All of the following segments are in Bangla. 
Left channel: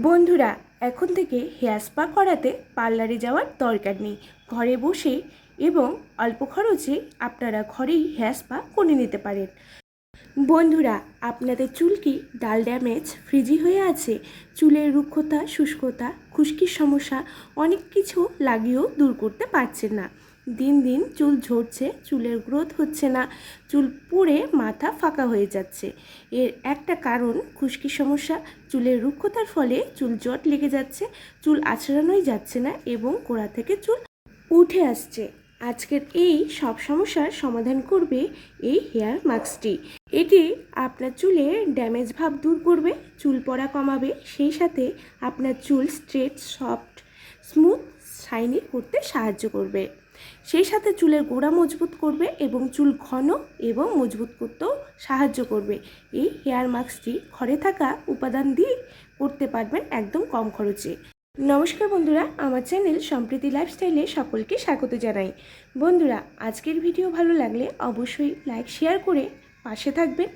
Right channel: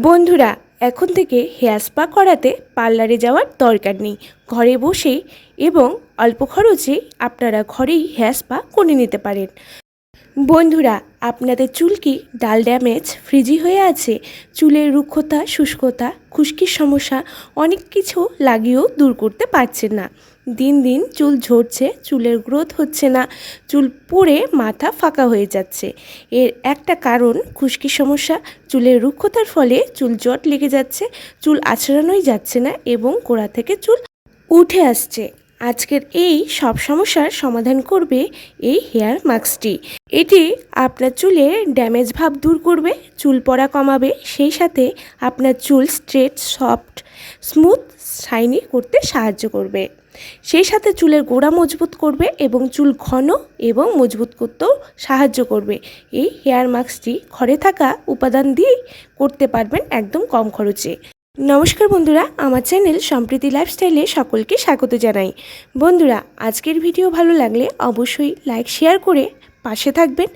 বন্ধুরা, এখন থেকে হেয়ার স্পা করাতে পার্লারে যাওয়ার দরকার নেই। ঘরে বসে এবং অল্প খরচে আপনারা ঘরেই হেয়ার স্পা করে নিতে পারেন। বন্ধুরা, আপনাদের চুল কি ডাল ড্যামেজ, ফ্রিজি হয়ে আছে? চুলের রুক্ষতা, শুষ্কতা, খুশকির সমস্যা অনেক কিছু লাগিয়েও দূর করতে পারছেন না। দিন দিন চুল ঝরছে, চুলের গ্রোথ হচ্ছে না, চুল পড়ে মাথা ফাঁকা হয়ে যাচ্ছে। এর একটা কারণ খুশকির সমস্যা। চুলের রুক্ষতার ফলে চুল জট লেগে যাচ্ছে, চুল আঁচড়ানোই যাচ্ছে না এবং গোড়া থেকে চুল উঠে আসছে। আজকের এই সব সমস্যার সমাধান করবে এই হেয়ার মাস্কটি। এটি আপনার চুলের ড্যামেজ ভাব দূর করবে, চুল পড়া কমাবে, সেই সাথে আপনার চুল স্ট্রেট, সফট, স্মুথ, শাইনি করতে সাহায্য করবে। সেই সাথে চুলের গোড়া মজবুত করবে এবং চুল ঘন এবং মজবুত করতেও সাহায্য করবে। এই হেয়ার মাস্কটি ঘরে থাকা উপাদান দিয়ে করতে পারবেন একদম কম খরচে। নমস্কার বন্ধুরা, আমার চ্যানেল সম্প্রীতি লাইফস্টাইলে সকলকে স্বাগত জানাই। বন্ধুরা, আজকের ভিডিও ভালো লাগলে অবশ্যই লাইক শেয়ার করে পাশে থাকবেন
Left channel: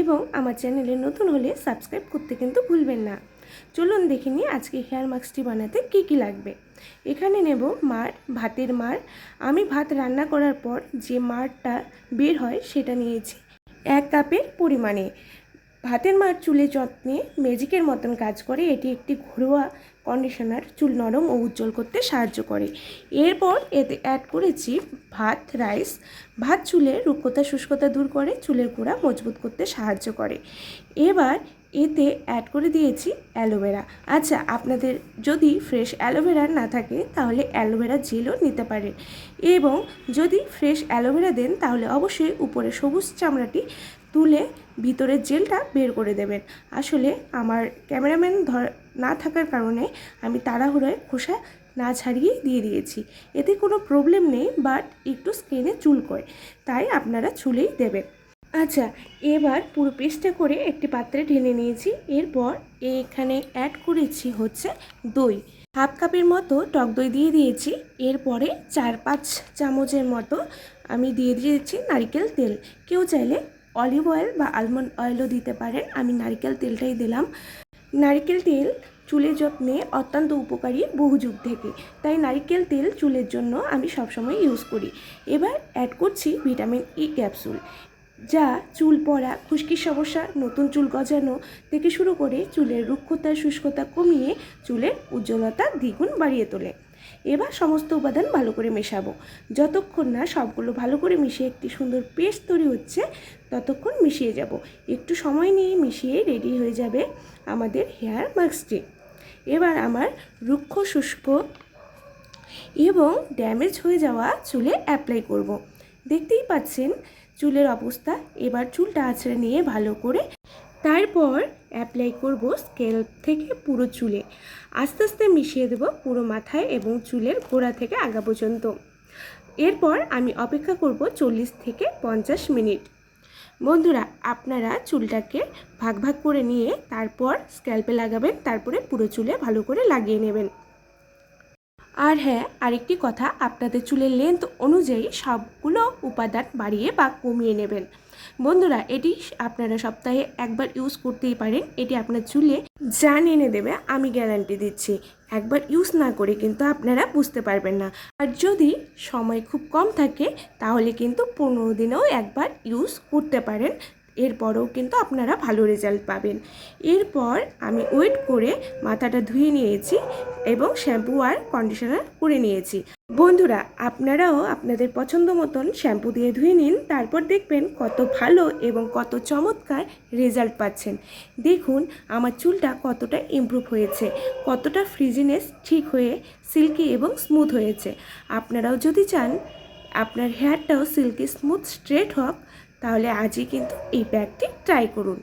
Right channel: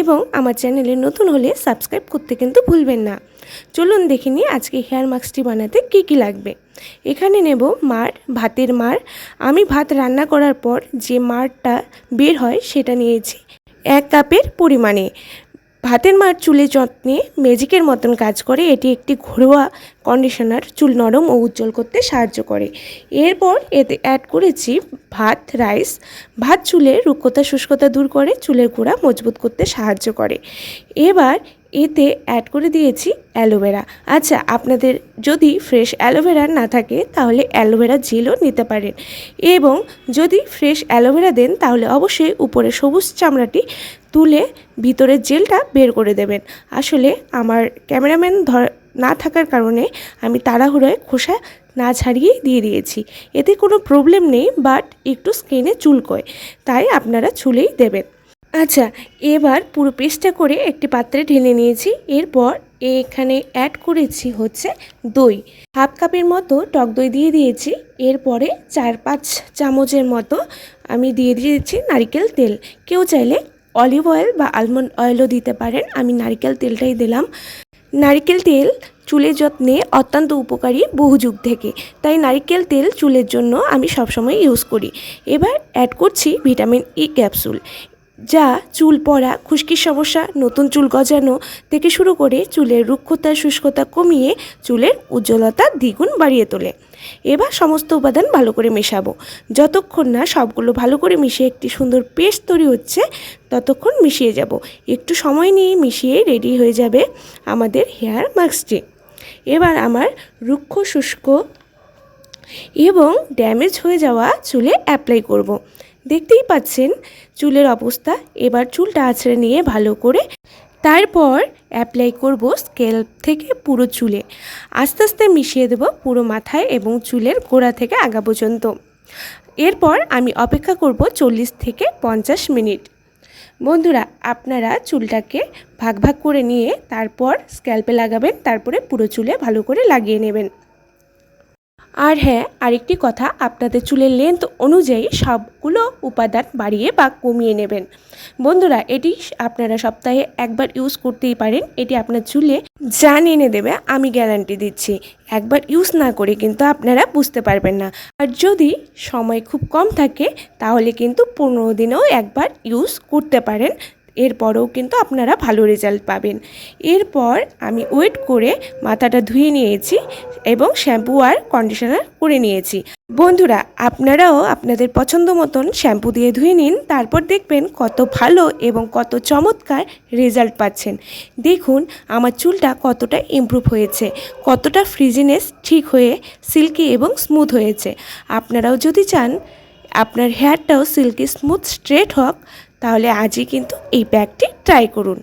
এবং আমার চ্যানেলে নতুন হলে সাবস্ক্রাইব করতে কিন্তু ভুলবেন না। চলুন দেখে নিই আজকে হেয়ার মাস্কটি বানাতে কী কী লাগবে। এখানে নেব মাড়, ভাতের মাড়। আমি ভাত রান্না করার পর যে মাড়টা বের হয় সেটা নিয়েছি 1 কাপের পরিমাণে। ভাতের মাড় চুলের যত্নে ম্যাজিকের মতন কাজ করে। এটি একটি ঘরোয়া কন্ডিশনার, চুল নরম ও উজ্জ্বল করতে সাহায্য করে। এরপর এতে অ্যাড করেছি ভাত রাইস। ভাত চুলের রুক্ষতা, শুষ্কতা দূর করে, চুলের গোড়া মজবুত করতে সাহায্য করে। এবার এতে অ্যাড করে দিয়েছি অ্যালোভেরা। আচ্ছা, আপনাদের যদি ফ্রেশ অ্যালোভেরা না থাকে তাহলে অ্যালোভেরা জেলও নিতে পারেন, এবং যদি ফ্রেশ অ্যালোভেরা দেন তাহলে অবশ্যই উপরে সবুজ চামড়াটি তুলে ভিতরের জেলটা বের করে দেবেন। আসলে আমার ক্যামেরাম্যান না থাকার কারণে আমি তাড়াহুড়োয় খোসা না ছাড়িয়ে দিয়ে দিয়েছি। এতে কোনো প্রবলেম নেই, বাট একটু স্কিনে চুলকোয়, তাই আপনারা ছুলেই দেবেন। আচ্ছা, এবার পুরো পেস্টটা করে একটি পাত্রে ঢেলে নিয়েছি। এরপর এখানে অ্যাড করেছি হচ্ছে দই। 1/2 কাপের মতো টক দই দিয়ে দিয়েছি। এরপরে 4-5 চামচের মতো আমি দিয়ে দিয়েছি নারকেল তেল। কেউ চাইলে অলিভ অয়েল বা আলমন্ড অয়েলও দিতে পারেন, আমি নারকেল তেলটাই দিলাম। নারকেল তেল চুলের যত্নে অত্যন্ত উপকারী বহু যুগ থেকে, তাই নারকেল তেল চুলের জন্য আমি সবসময় ইউজ করি। এবার অ্যাড করছি ভিটামিন ই ক্যাপসুল, যা চুল পড়া, খুশকির সমস্যা, নতুন চুল গজানো থেকে শুরু করে চুলের রুক্ষতা, শুষ্কতা কমিয়ে চুলের উজ্জ্বলতা দ্বিগুণ বাড়িয়ে তোলে। এবার সমস্ত উপাদান ভালো করে মেশাবো। যতক্ষণ না সবগুলো ভালো করে মিশিয়ে একটি সুন্দর পেস্ট তৈরি হচ্ছে ততক্ষণ মিশিয়ে যাব। একটু সময় নিয়ে মিশিয়ে রেডি হয়ে যাবে আমাদের হেয়ার মাস্কটি। এবার আমার রুক্ষ, শুষ্ক এবং ড্যামেজ হয়ে যাওয়া চুলে অ্যাপ্লাই করব। দেখতেই পাচ্ছেন চুলের অবস্থা। এবার চুলটা আঁচড়ে নিয়ে ভালো করে তারপর অ্যাপ্লাই করব স্ক্যাল্প থেকে পুরো চুলে। আস্তে আস্তে মিশিয়ে দেব পুরো মাথায় এবং চুলের গোড়া থেকে আগা পর্যন্ত। এরপর আমি অপেক্ষা করব 40 থেকে 50 মিনিট। বন্ধুরা, আপনারা চুলটাকে ভাগ ভাগ করে নিয়ে তারপর স্ক্যাল্পে লাগাবেন, তারপরে পুরো চুলে ভালো করে লাগিয়ে নেবেন। আর হ্যাঁ, আরেকটি কথা, আপনাদের চুলের লেন্থ অনুযায়ী সবগুলো উপাদান বাড়িয়ে বা কমিয়ে নেবেন। বন্ধুরা, এটি আপনারা সপ্তাহে একবার ইউজ করতেই পারেন। এটি আপনার চুলে জান এনে দেবে, আমি গ্যারান্টি দিচ্ছি। একবার ইউজ না করে কিন্তু আপনারা বুঝতে পারবেন না। আর যদি সময় খুব কম থাকে তাহলে কিন্তু 15 দিনেও একবার ইউজ করতে পারেন। এরপরেও কিন্তু আপনারা ভালো রেজাল্ট পাবেন। এরপর আমি ওয়েট করে মাথাটা ধুয়ে নিয়েছি এবং শ্যাম্পু আর কন্ডিশনার করে নিয়েছি। বন্ধুরা, আপনারাও আপনাদের পছন্দ মতন শ্যাম্পু দিয়ে ধুয়ে নিন, তারপর দেখবেন কত ভালো এবং কত চমৎকার রেজাল্ট পাচ্ছেন। দেখুন আমার চুলটা কতটা ইমপ্রুভ হয়েছে, কতটা ফ্রিজিনেস ঠিক হয়ে সিল্কি এবং স্মুথ হয়েছে। আপনারাও যদি চান আপনার হেয়ারটাও সিল্কি, স্মুথ, স্ট্রেট হোক, তাহলে আজই কিন্তু এই প্যাকটি ট্রাই করুন।